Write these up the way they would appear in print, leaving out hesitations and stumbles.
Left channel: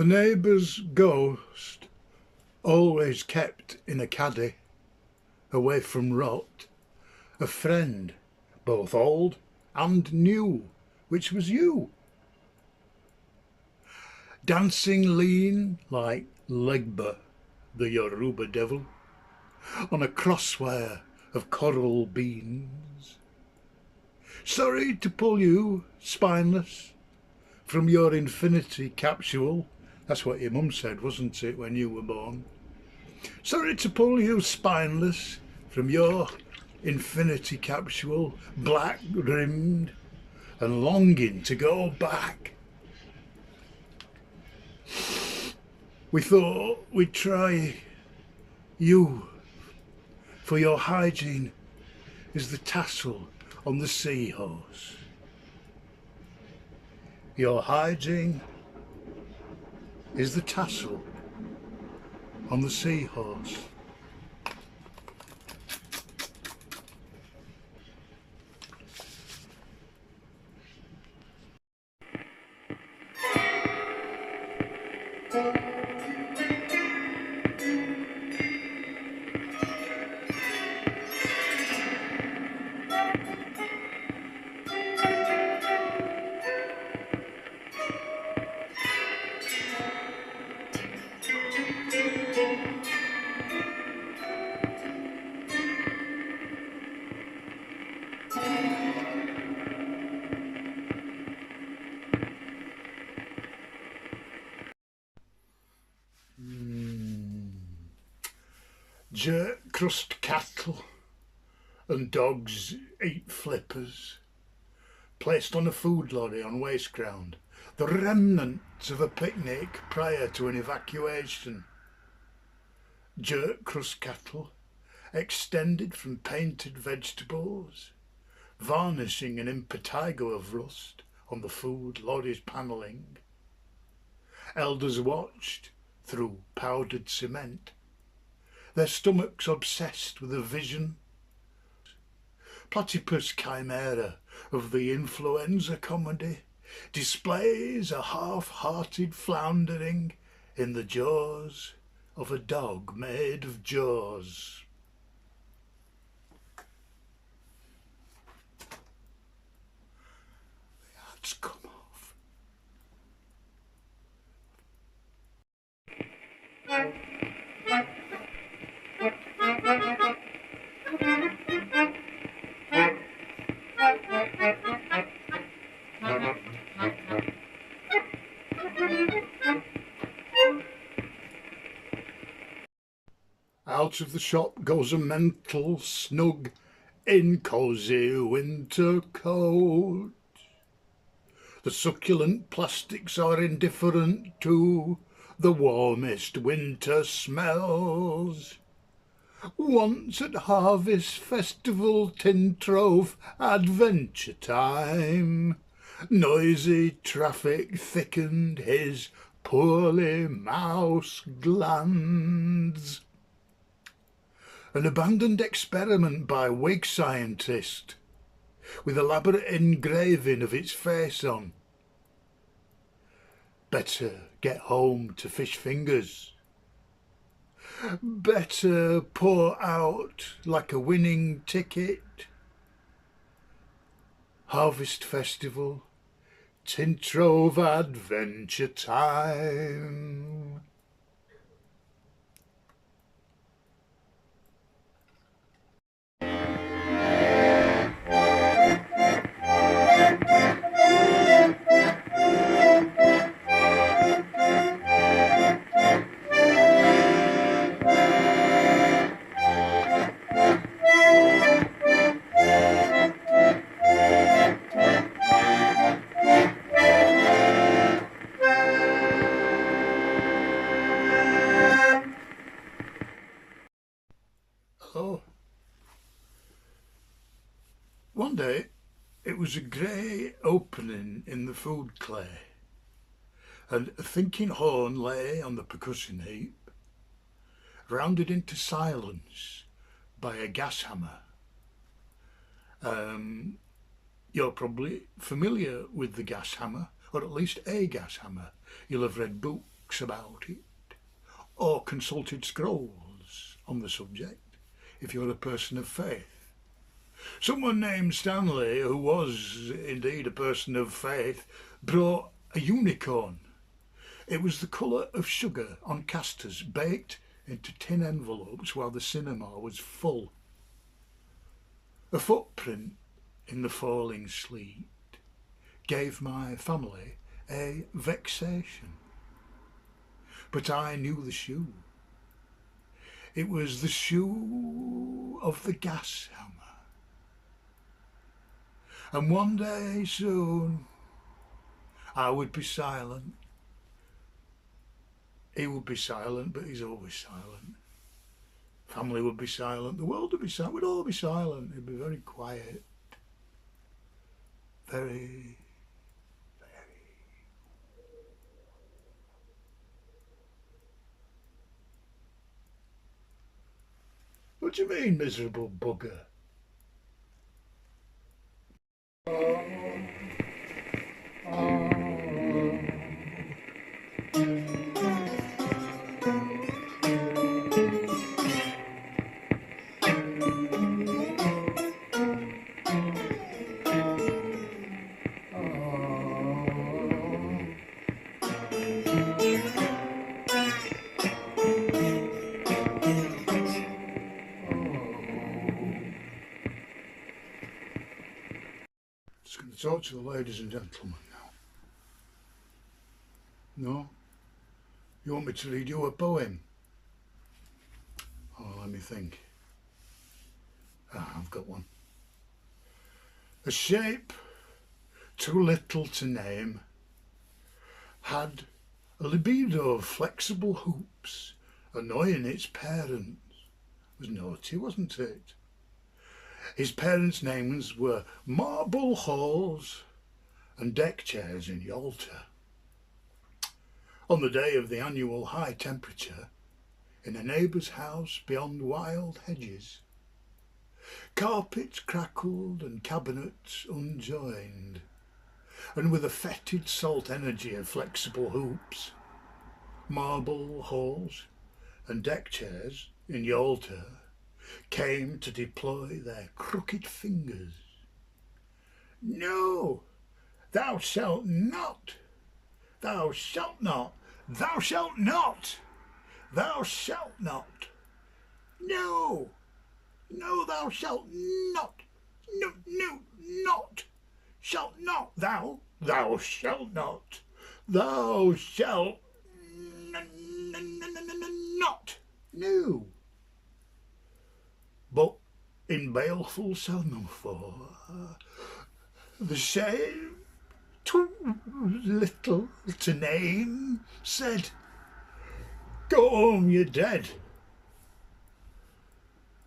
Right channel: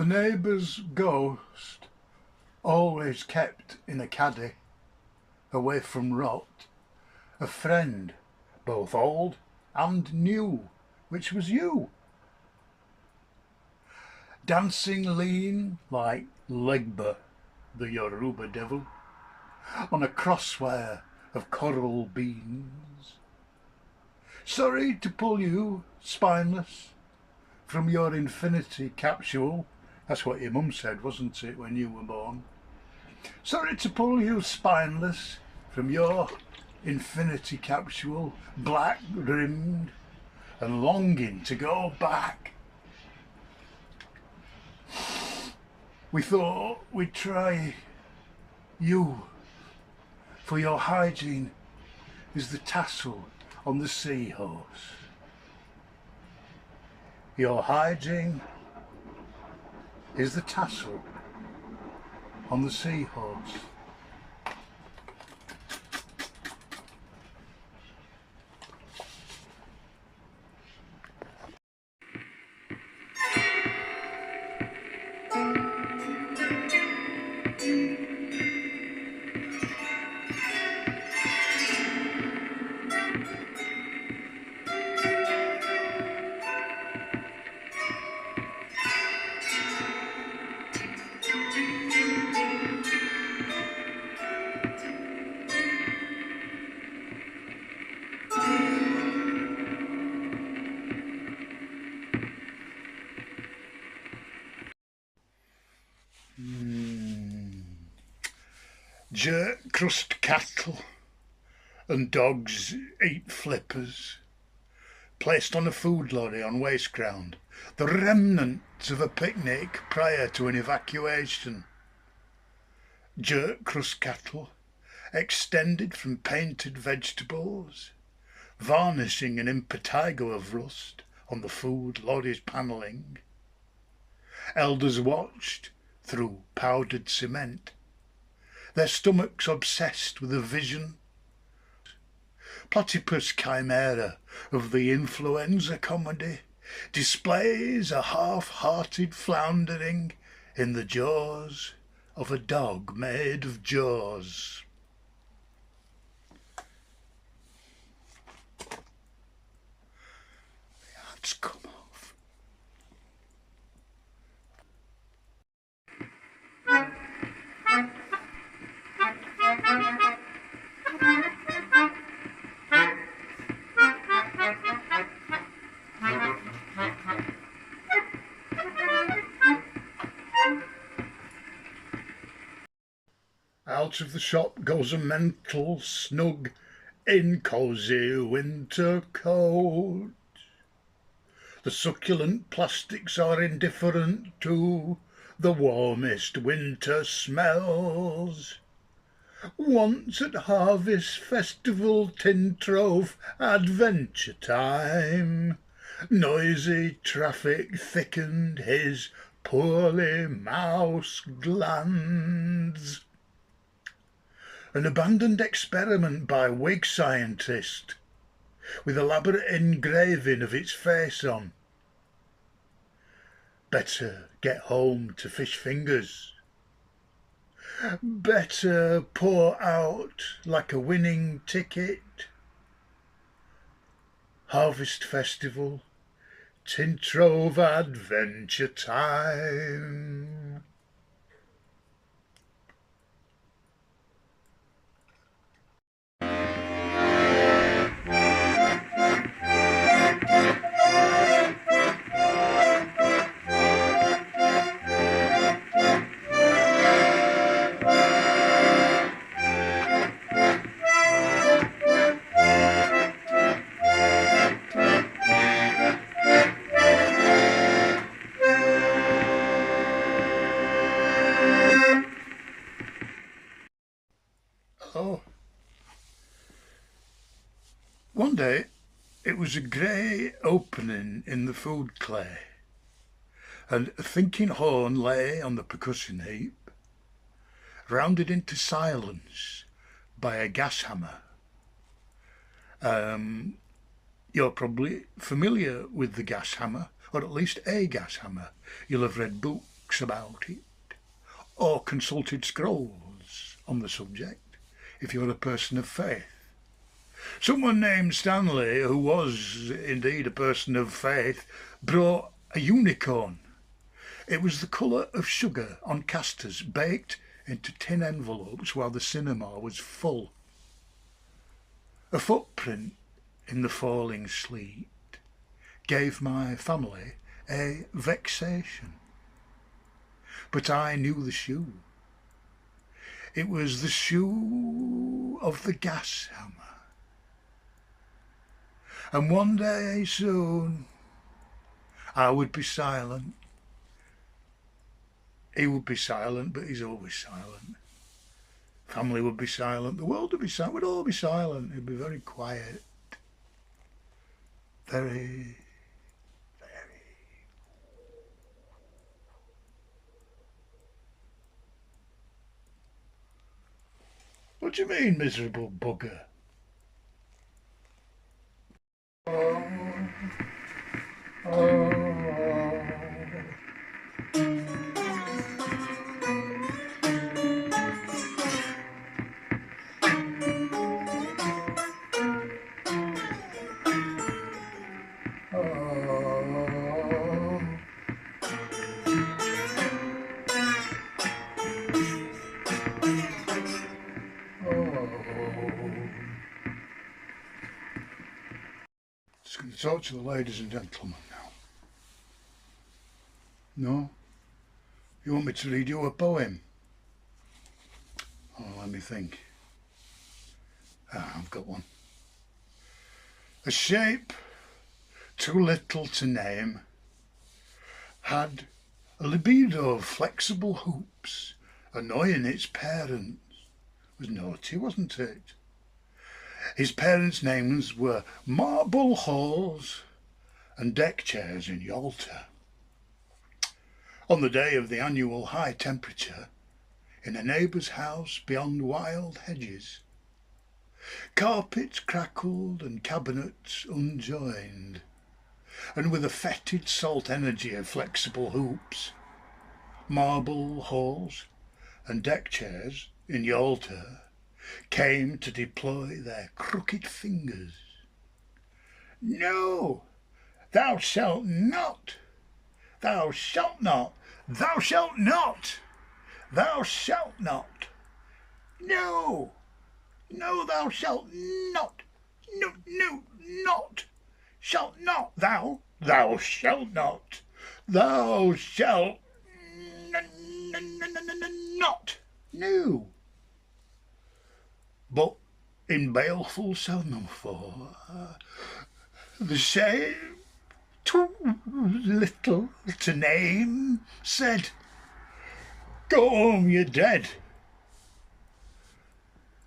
The neighbour's ghost, always kept in a caddy, away from rot, a friend, both old and new, which was you. Dancing lean like Legba, the Yoruba devil, on a crosswire of coral beans. Sorry to pull you, spineless, from your infinity capsule. That's what your mum said, wasn't it, when you were born? Sorry to pull you, spineless, from your infinity capsule, black-rimmed, and longing to go back. We thought we'd try you, for your hygiene is the tassel on the seahorse. Your hygiene is the tassel on the seahorse. Jerk crust cattle and dogs eat flippers, placed on a food lorry on waste ground, the remnants of a picnic prior to an evacuation. Jerk crust cattle extended from painted vegetables, varnishing an impetigo of rust on the food lorry's panelling. Elders watched through powdered cement, their stomachs obsessed with a vision. Platypus chimera of the influenza comedy displays a half-hearted floundering in the jaws of a dog made of jaws. The hat's come off. Out of the shop goes a mental, snug, in cosy winter coat. The succulent plastics are indifferent to the warmest winter smells. Once at harvest festival tin trove adventure time, noisy traffic thickened his poorly mouse glands. An abandoned experiment by Whig scientist, with elaborate engraving of its face on. Better get home to fish fingers. Better pour out like a winning ticket. Harvest festival, tin trove adventure time. One day, it was a grey opening in the food clay, and a thinking horn lay on the percussion heap, rounded into silence by a gas hammer. You're probably familiar with the gas hammer, or at least a gas hammer. You'll have read books books about it, or consulted scrolls on the subject, if you're a person of faith. Someone named Stanley, who was indeed a person of faith, brought a unicorn. It was the colour of sugar on castors, baked into tin envelopes while the cinema was full. A footprint in the falling sleet gave my family a vexation. But I knew the shoe. It was the shoe of the gas hammer. And one day soon I would be silent. He would be silent, but he's always silent. Family would be silent, the world would be silent, we'd all be silent. It'd be very quiet. Very, very. What do you mean, miserable bugger? Oh. Just going to talk to the ladies and gentlemen now. No? You want me to read you a poem? Oh, let me think. I've got one. A shape too little to name had a libido of flexible hoops, annoying its parents. It was naughty, wasn't it? His parents' names were Marble Halls and Deck Chairs in Yalta. On the day of the annual high temperature, in a neighbour's house beyond wild hedges, carpets crackled and cabinets unjoined, and with a fetid salt energy of flexible hoops, Marble Halls and Deck Chairs in Yalta came to deploy their crooked fingers. No, thou shalt not, thou shalt not, thou shalt not, thou shalt not, no, no, thou shalt not, no, no, not, shalt not, thou shalt not, thou shalt not, no. But in baleful semaphore, the shame too little to name said, "Go home, you're dead."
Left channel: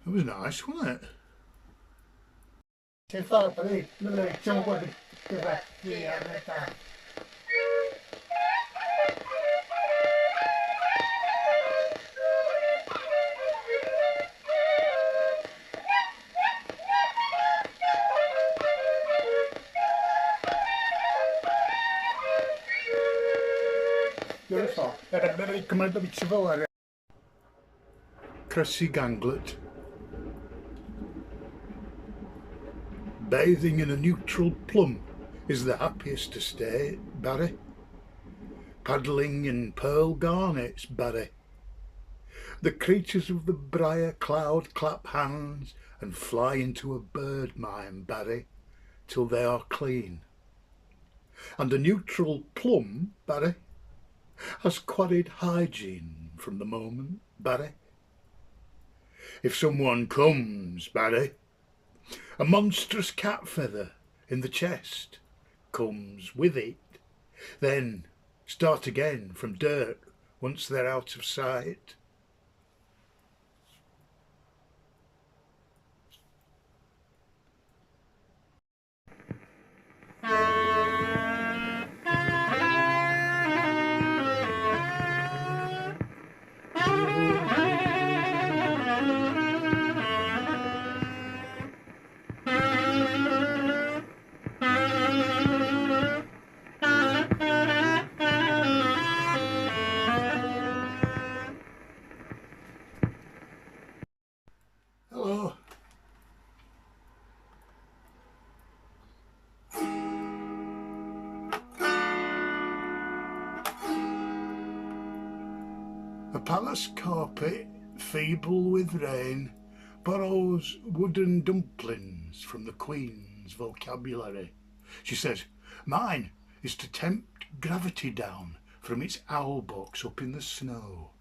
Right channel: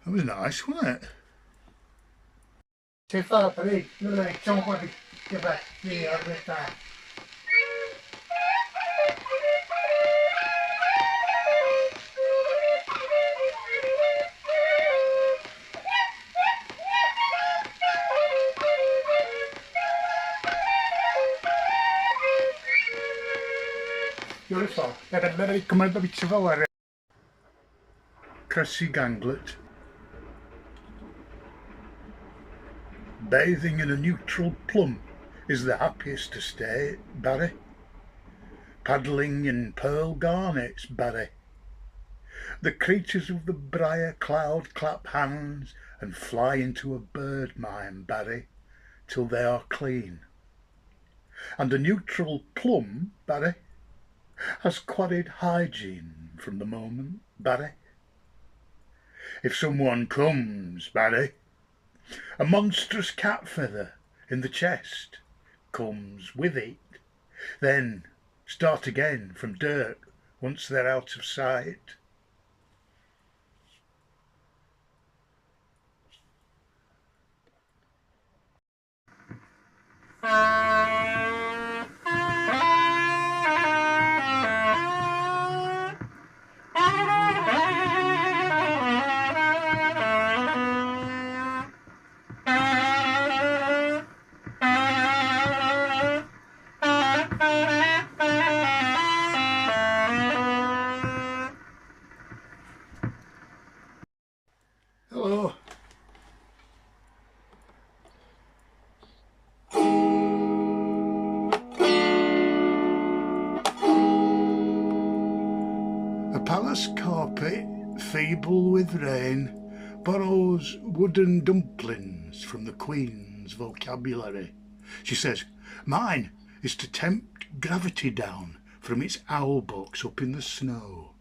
That was nice, wasn't it? Cressy Ganglet. Bathing in a neutral plum is the happiest estate, Barry. Paddling in pearl garnets, Barry. The creatures of the briar cloud clap hands and fly into a bird mine, Barry, till they are clean. And a neutral plum, Barry, has quarried hygiene from the moment, Barry. If someone comes, Barry, a monstrous cat feather in the chest comes with it, then start again from dirt once they're out of sight. A palace carpet, feeble with rain, borrows wooden dumplings from the Queen's vocabulary. She says, mine is to tempt gravity down from its owl box up in the snow.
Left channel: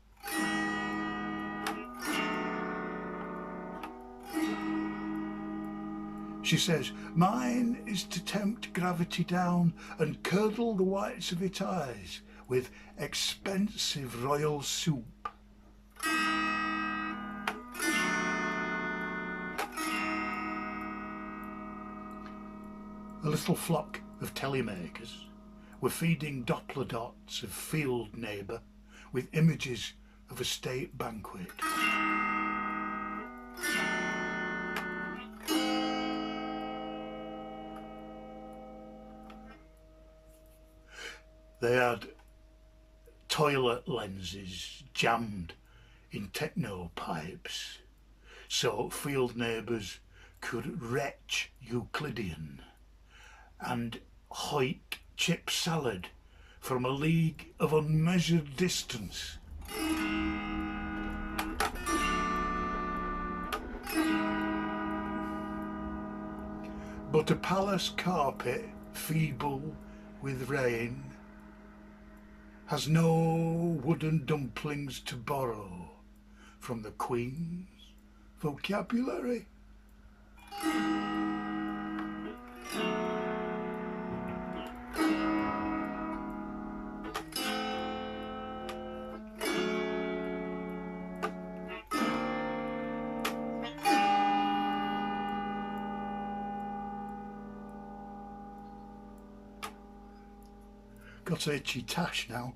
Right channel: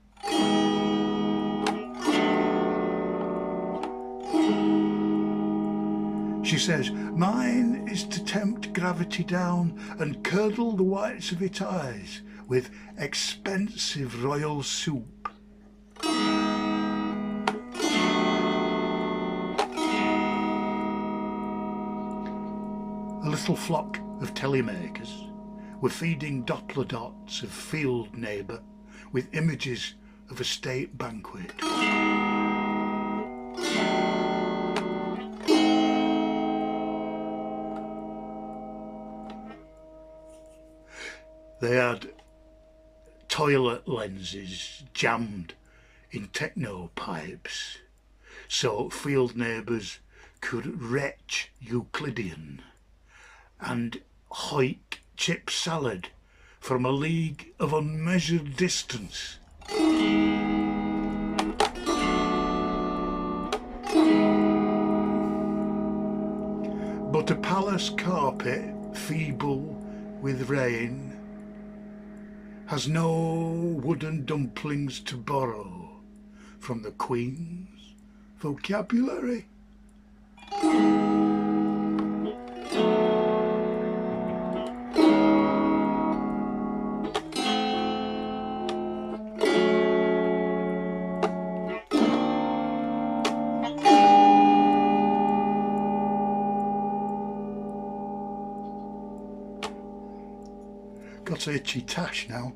She says, mine is to tempt gravity down and curdle the whites of its eyes with expensive royal soup. A little flock of telemakers were feeding Doppler dots of field neighbour with images of a state banquet. They had toilet lenses jammed in techno pipes so field neighbours could retch Euclidean and hoik chip salad from a league of unmeasured distance. But a palace carpet, feeble with rain, has no wooden dumplings to borrow from the Queen's vocabulary. Got a itchy tash now.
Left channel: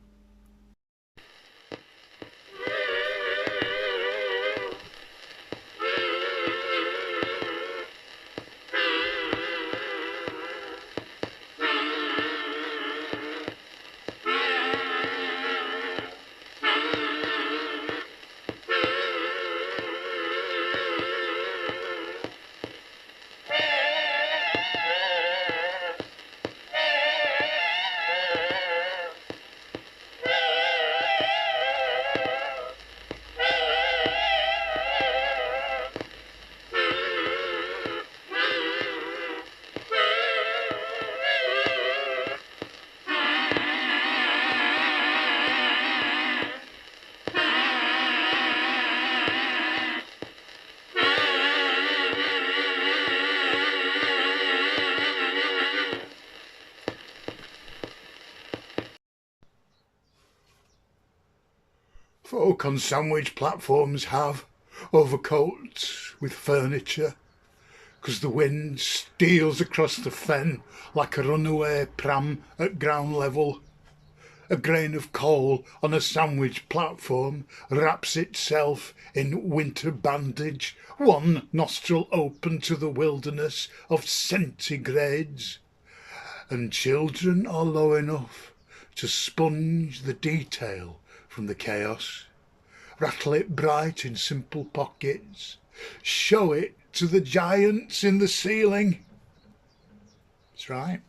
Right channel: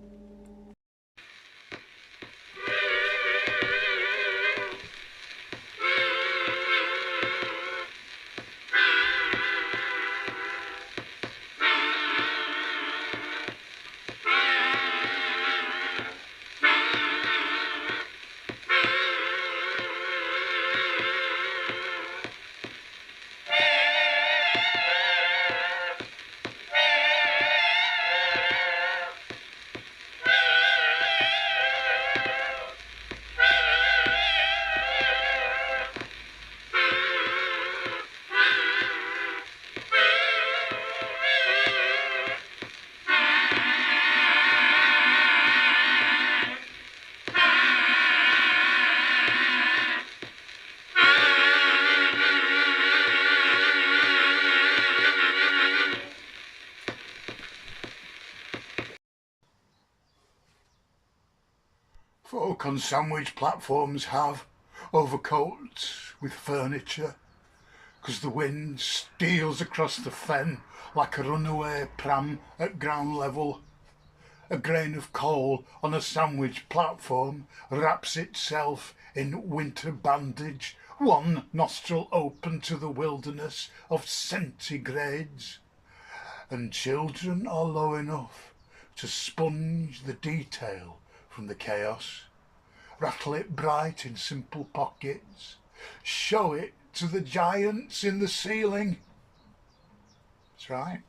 Folk on sandwich platforms have overcoats with furniture, 'cause the wind steals across the fen like a runaway pram at ground level. A grain of coal on a sandwich platform wraps itself in winter bandage, one nostril open to the wilderness of centigrades, and children are low enough to sponge the detail from the chaos, rattle it bright in simple pockets, show it to the giants in the ceiling. That's right.